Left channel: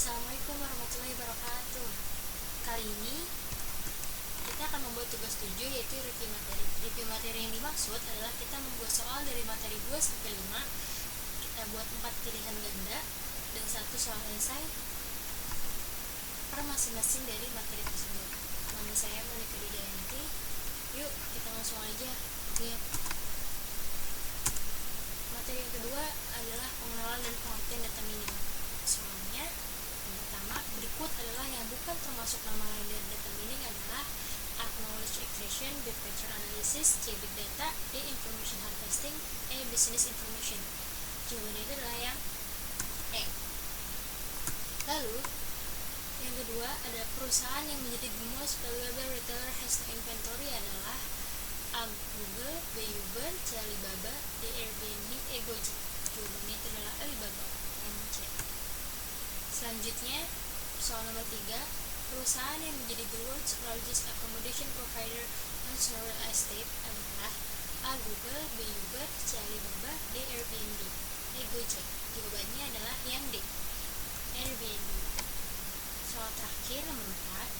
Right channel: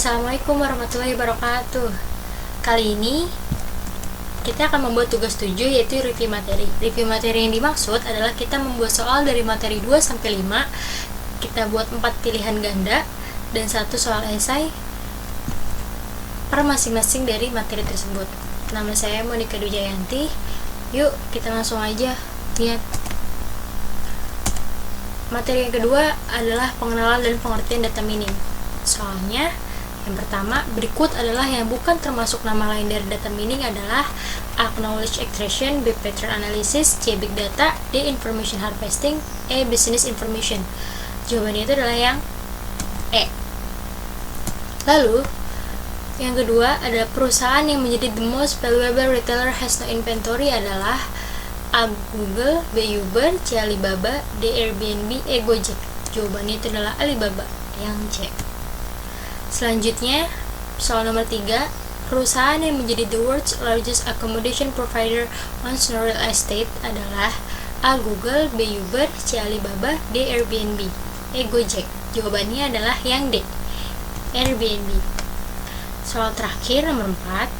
Assalamualaikum warahmatullahi wabarakatuh. Kali ini kita akan membuat tugas 7, yaitu review materi. Review materi yang dimaksud adalah kita membuat soal dari materi 2 sampai 5. Kita buat 4 pilihan ganda dan 1 soal esai per masing-masing dari materi tersebut. Nama saya Monika Dujayanti. Yuk, kita langsung aja lihat. Materi yang kedua adalah pengenalan dan pengertian data mining. Soalnya yang pertama, berikut adalah yang bukan termasuk nama lain dari data mining adalah A. Knowledge Extraction, B. Pattern Analysis, C. Big Data, D. Information Harvesting, E. Business Information. Jawabannya itu adalah yang E. Lalu, yang kedua adalah perusahaan yang menjadi the most valuable retailer has no inventory adalah A. Google, B. Uber, C. Alibaba, D. Airbnb, E. Gojek. Jawabannya itu adalah Alibaba, yang C. Selanjutnya, soal nomor 3, perusahaan yang menjadi the world's largest accommodation provider on real estate adalah A. Google, B. Uber, C. Alibaba, D. Airbnb, E. Gojek. Jawabannya adalah yang D, Airbnb. Soal terakhir, nomor 4,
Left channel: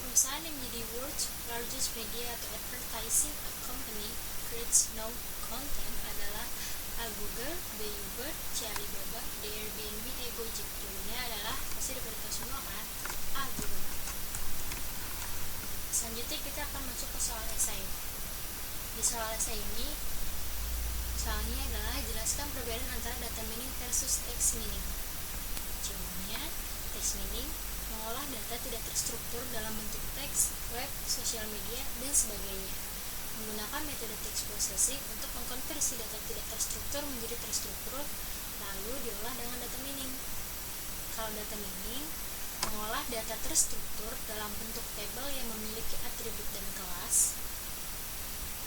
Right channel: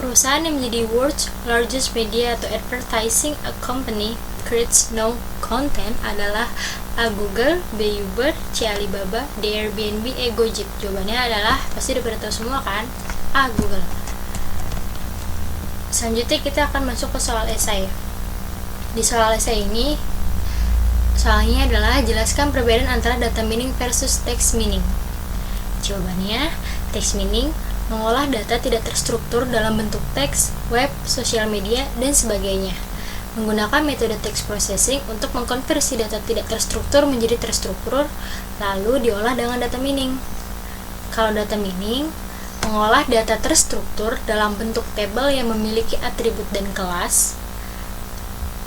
perusahaan yang menjadi world's largest media atau advertising company creates no content adalah A. Google, B. Uber, C. Alibaba, D. Airbnb, E. Gojek. Jawabannya adalah, pasti udah pada tahu semua kan? A. Google. Selanjutnya kita akan masuk ke soal esai. Di soal esai ini, soalnya adalah jelaskan perbedaan antara data mining versus text mining. Jawabannya, text mining mengolah data tidak terstruktur dalam bentuk teks, web, sosial media, dan sebagainya. Menggunakan metode text processing untuk mengkonversi data tidak terstruktur menjadi terstruktur, lalu diolah dengan data mining. Kalau data mining mengolah data terstruktur dalam bentuk tabel yang memiliki atribut dan kelas.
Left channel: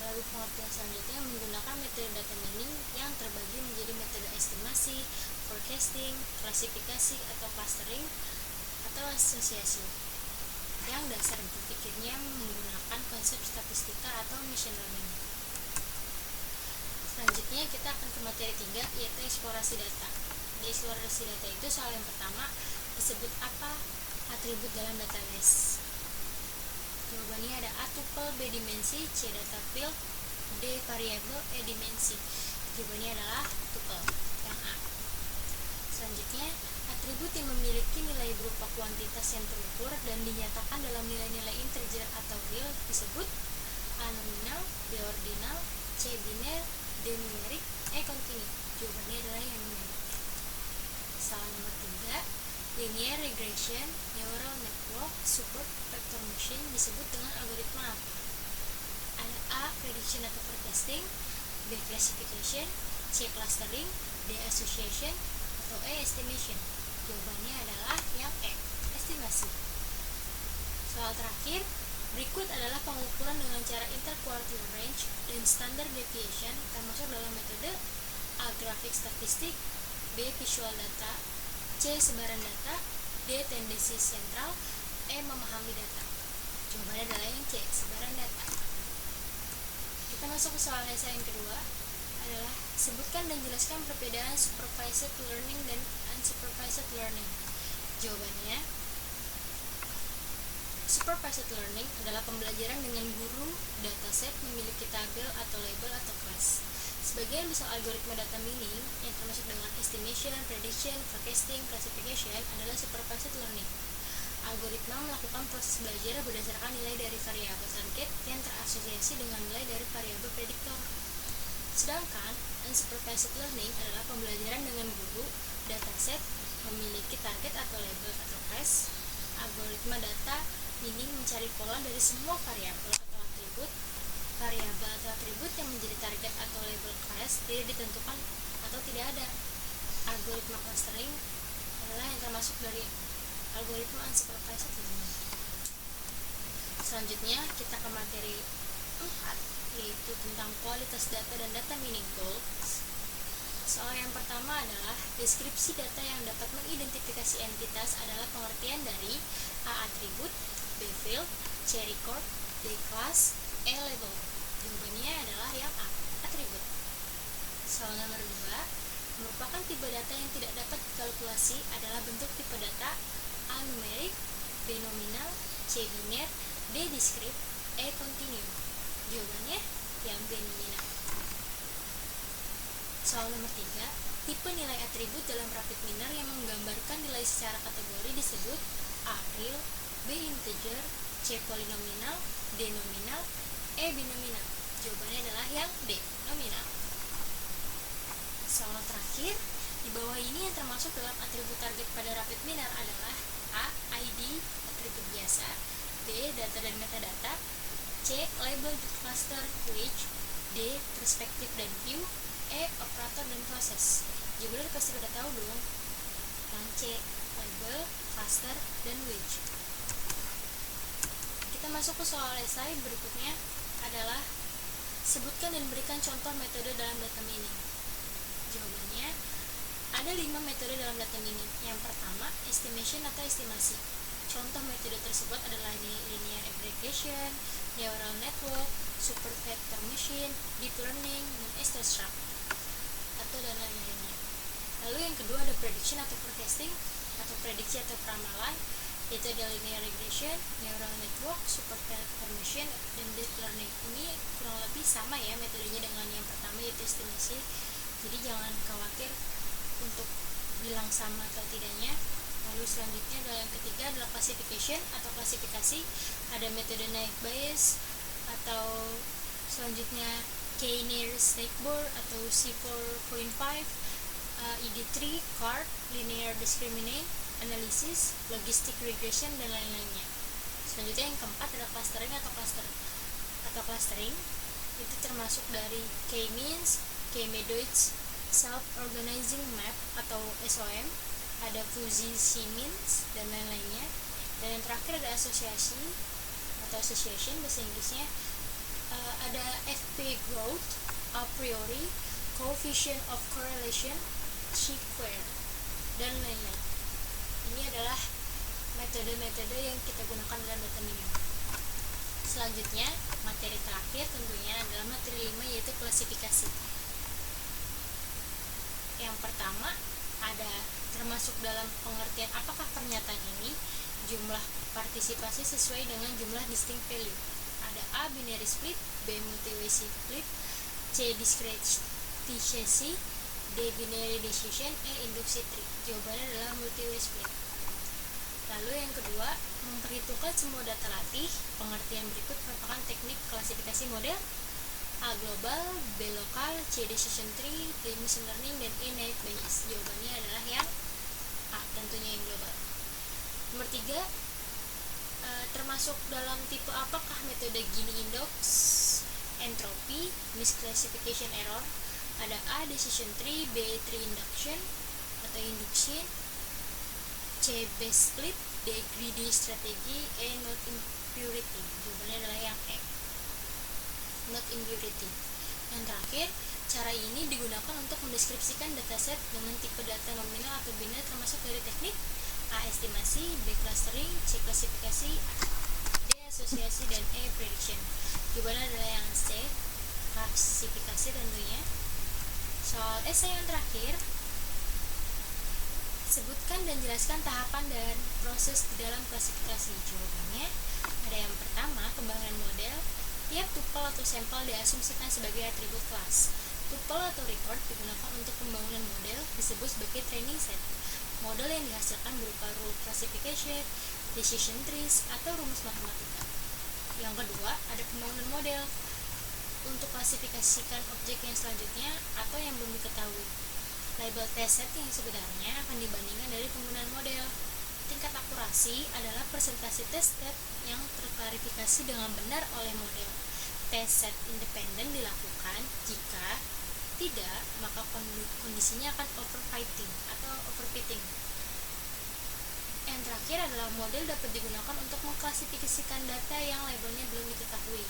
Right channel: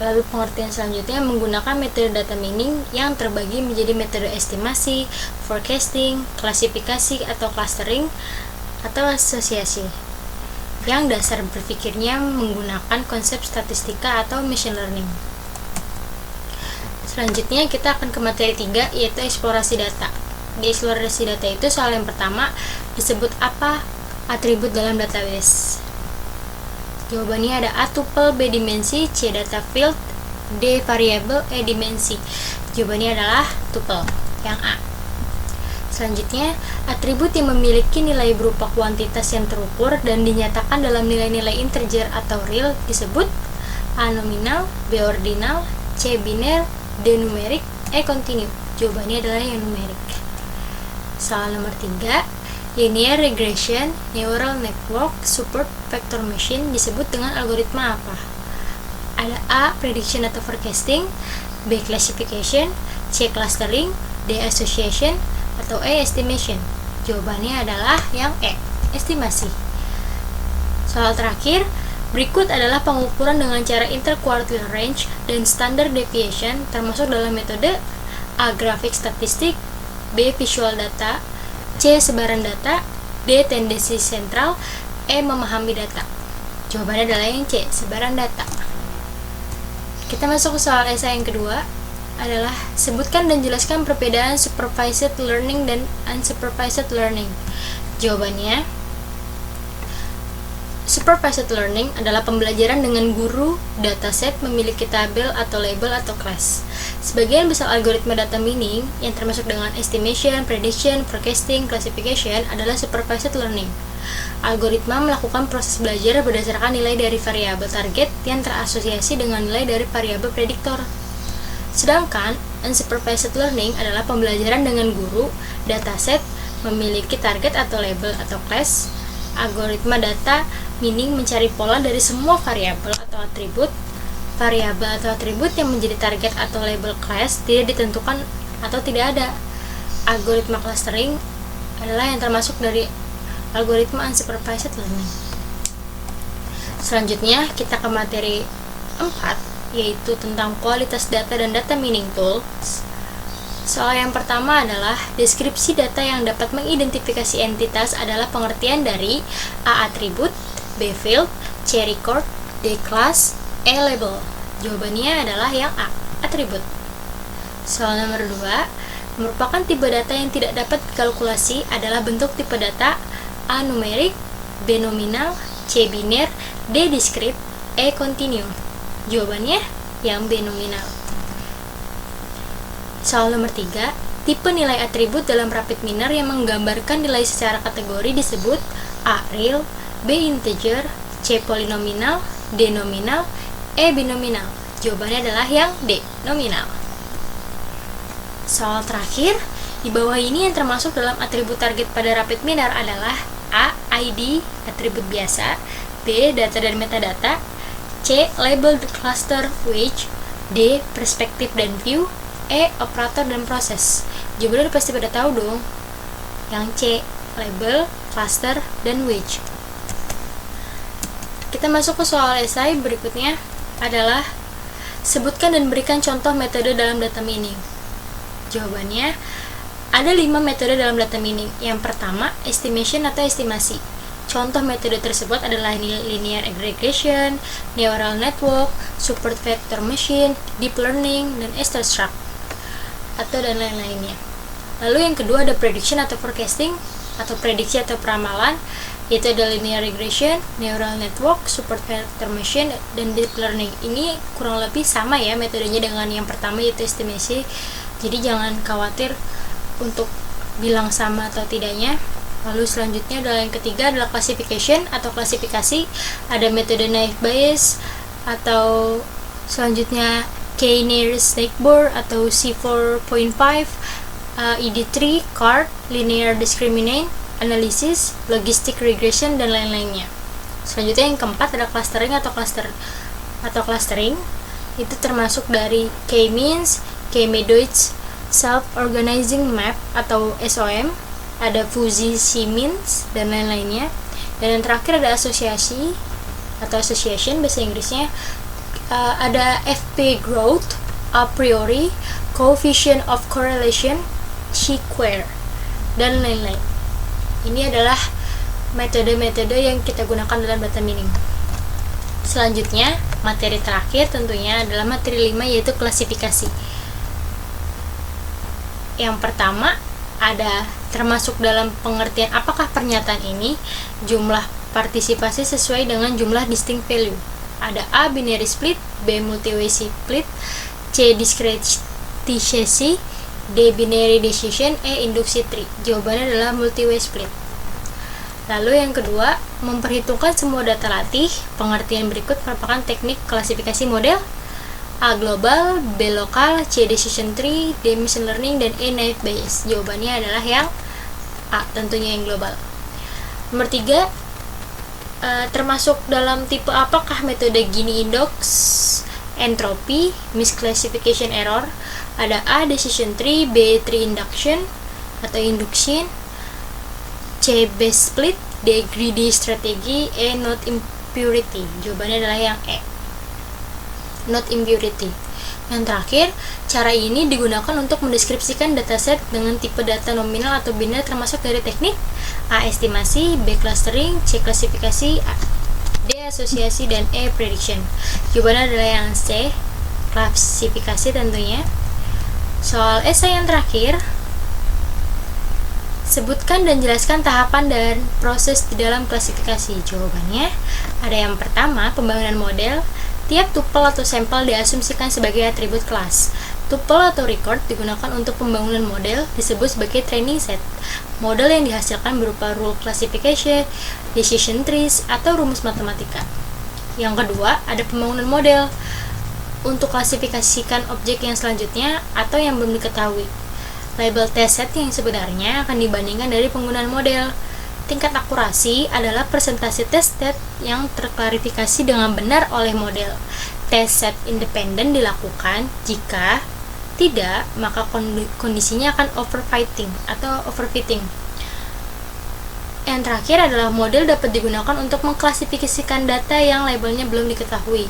Lalu pengertian selanjutnya menggunakan metode data mining yang terbagi menjadi metode estimasi, forecasting, klasifikasi atau clustering, atau asosiasi, yang dasar berpikirnya menggunakan konsep statistika atau machine learning. Selanjutnya kita akan ke materi 3, yaitu eksplorasi data. Di eksplorasi data itu soal yang pertama disebut apa atribut dalam database. Jawabannya ada A. Tuple, B. Dimensi, C. Data field, D. Variable, E. Dimensi. Jawabannya adalah tuple, yang A. Selanjutnya, atribut yang memiliki nilai berupa kuantitas yang terukur dan dinyatakan dalam nilai-nilai integer atau real disebut A. Nominal, B. Ordinal, C. Biner, D. Numerik, E. Continue. Jawabannya adalah yang numerik. Soal nomor 3, linear regression neural network support vector machine disebut dengan algoritma apa? Ada A. Prediction atau forecasting, B. Classification, C. Clustering, D. Association, atau E. Estimation. Jawabannya adalah yang E, estimasi. Soal terakhir, berikut adalah pengukuran dengan cara interquartile range dan standard deviation termasuk dalam metode A. Grafik statistik, B. Visual data, C. Sebaran data, D. Tendensi sentral, E. Memahami data. Jawabannya adalah yang C, sebaran data. Kita masuk ke soal esai yang kedua, adalah sebutkan dan jelaskan perbedaan supervised learning dan unsupervised learning. Jawabannya, supervised learning adalah pembelajaran dengan guru dataset memiliki tabel atau label atau kelas. Sebagian besar algoritma data mining yang termasuk dengan estimation, prediction, forecasting, classification adalah supervised learning. Algoritma melakukan proses belajar berdasarkan nilai dari variabel target yang terasosiasi dengan nilai dari variabel prediktor. Sedangkan unsupervised learning adalah pembelajaran dengan guru dataset memiliki target atau label atau class. Algoritma data mining mencari pola dari semua variabel atau atribut. Variabel atau atribut yang menjadi target atau label class tidak ditentukan atau tidak ada. Algoritma clustering adalah yang termasuk dari algoritma unsupervised learning. Selanjutnya kita ke materi 4, yaitu tentang kualitas data dan data mining tools. Soal yang pertama adalah deskripsi data yang dapat mengidentifikasi entitas adalah pengertian dari A. Atribut, B. Field, C. Record, D. Class, E. Label. Jawabannya adalah yang A. Atribut. Soal nomor 2, Merupakan tipe data yang tidak dapat dikalkulasi adalah bentuk tipe data A. Numerik, B. Nominal, C. Biner, D. Diskrit, E. Kontinu. Jawabannya yang B. Nominal. Soal nomor 3, tipe nilai atribut dalam rapid miner yang menggambarkan nilai secara kategori disebut A. Real, B. Integer, C. Polinominal, D. Nominal, E. Binominal. Jawabannya adalah yang D. Nominal. Soal terakhir, di bawah ini yang termasuk dalam atribut target pada rapid miner adalah A. ID, atribut biasa, B. Data dan metadata, C. Label cluster wedge, D. Perspektif dan view, E. Operator dan proses. Jawabannya pasti pada tahu dong. Yang C. Label, cluster, dan wedge. Kita masuk ke soal esai berikutnya adalah sebutkan dan berikan contoh metode dalam data mining. Jawabannya, ada 5 metode dalam data mining. Yang pertama, estimation atau estimasi. Contoh metode tersebut adalah linear aggregation, neural network, support vector machine, deep learning, dan extract atau dan lain-lainnya. Lalu yang kedua ada prediction atau forecasting atau prediksi atau peramalan, yaitu ada linear regression, neural network, support vector machine, dan deep learning. Ini kurang lebih sama ya metodenya dengan yang pertama, yaitu estimasi. Jadi jangan khawatir untuk bilang sama atau tidaknya. Lalu selanjutnya adalah yang ketiga adalah classification atau klasifikasi. Ada metode naive bayes atau selanjutnya K-nearest neighbor atau C4.5, ED3, CART, linear discriminant analysis, logistic regression, dan lain-lainnya. Selanjutnya yang keempat ada clustering atau clustering. Itu termasuk dari K-means, K-medoids, self-organizing map atau SOM, ada fuzzy C-means, dan lain-lainnya. Dan yang terakhir ada asosiasi atau association bahasa Inggrisnya, ada FP growth, a priori, coefficient of correlation, chi-square, dan lain-lain. Ini adalah metode-metode yang kita gunakan dalam data mining. Selanjutnya, materi terakhir tentunya adalah materi 5, yaitu klasifikasi. Yang pertama ada termasuk dalam pengertian apakah pernyataan ini jumlah partisipasi sesuai dengan jumlah distinct value. Ada A. binary split, B. multi-way split, C. discretization, D. binary decision, E. induksi tree. Jawabannya adalah multi-way split. Lalu yang kedua, memperhitungkan semua data latih. Pengertian berikut merupakan teknik klasifikasi model. A. global, B. lokal, C. decision tree, D. machine learning, dan E. naive bayes. Jawabannya adalah yang A, tentunya yang global. Nomor 3, termasuk dalam tipe apakah metode Gini index, entropy, misclassification error. Ada A. decision tree, B. tree induction atau induction, C. base split, D. greedy strategy, E. node impurity. Jawabannya adalah yang E, node impurity. Yang terakhir, cara ini digunakan untuk mendeskripsikan dataset dengan tipe data nominal atau biner termasuk dari teknik A. estimasi, B. clustering, C. klasifikasi, D. asosiasi, dan E. prediction. Jawabannya adalah yang C, klasifikasi tentunya. Soal esai yang terakhir, sebutkan dan jelaskan tahapan dan proses di dalam klasifikasi. Jawabannya ada yang pertama, pembangunan model. Tiap tuple atau sampel diasumsikan sebagai atribut kelas. Tuple atau record digunakan untuk pembangunan model, disebut sebagai training set. Model yang dihasilkan berupa rule classification, decision trees, atau rumus matematika. Yang kedua, ada pembangunan model untuk klasifikasikan objek yang selanjutnya atau yang belum diketahui. Label test set yang sebenarnya akan dibandingkan dari penggunaan model. Tingkat akurasi adalah persentase test set yang terklarifikasi dengan benar oleh model. Test set independen dilakukan, jika tidak, maka kondisinya akan overfitting atau overfitting. Yang terakhir adalah model dapat digunakan untuk mengklasifikasikan data yang labelnya belum diketahui.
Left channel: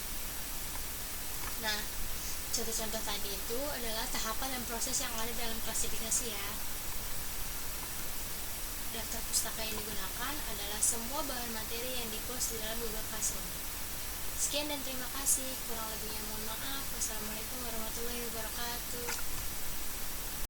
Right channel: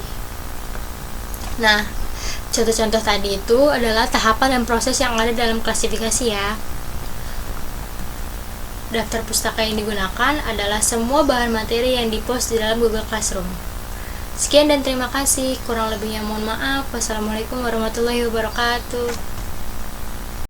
Nah, contoh-contoh tadi itu adalah tahapan dan proses yang ada dalam klasifikasi ya. Daftar pustaka yang digunakan adalah semua bahan materi yang dipost di dalam Google Classroom. Sekian dan terima kasih. Kurang lebihnya mohon maaf. Wassalamualaikum warahmatullahi wabarakatuh.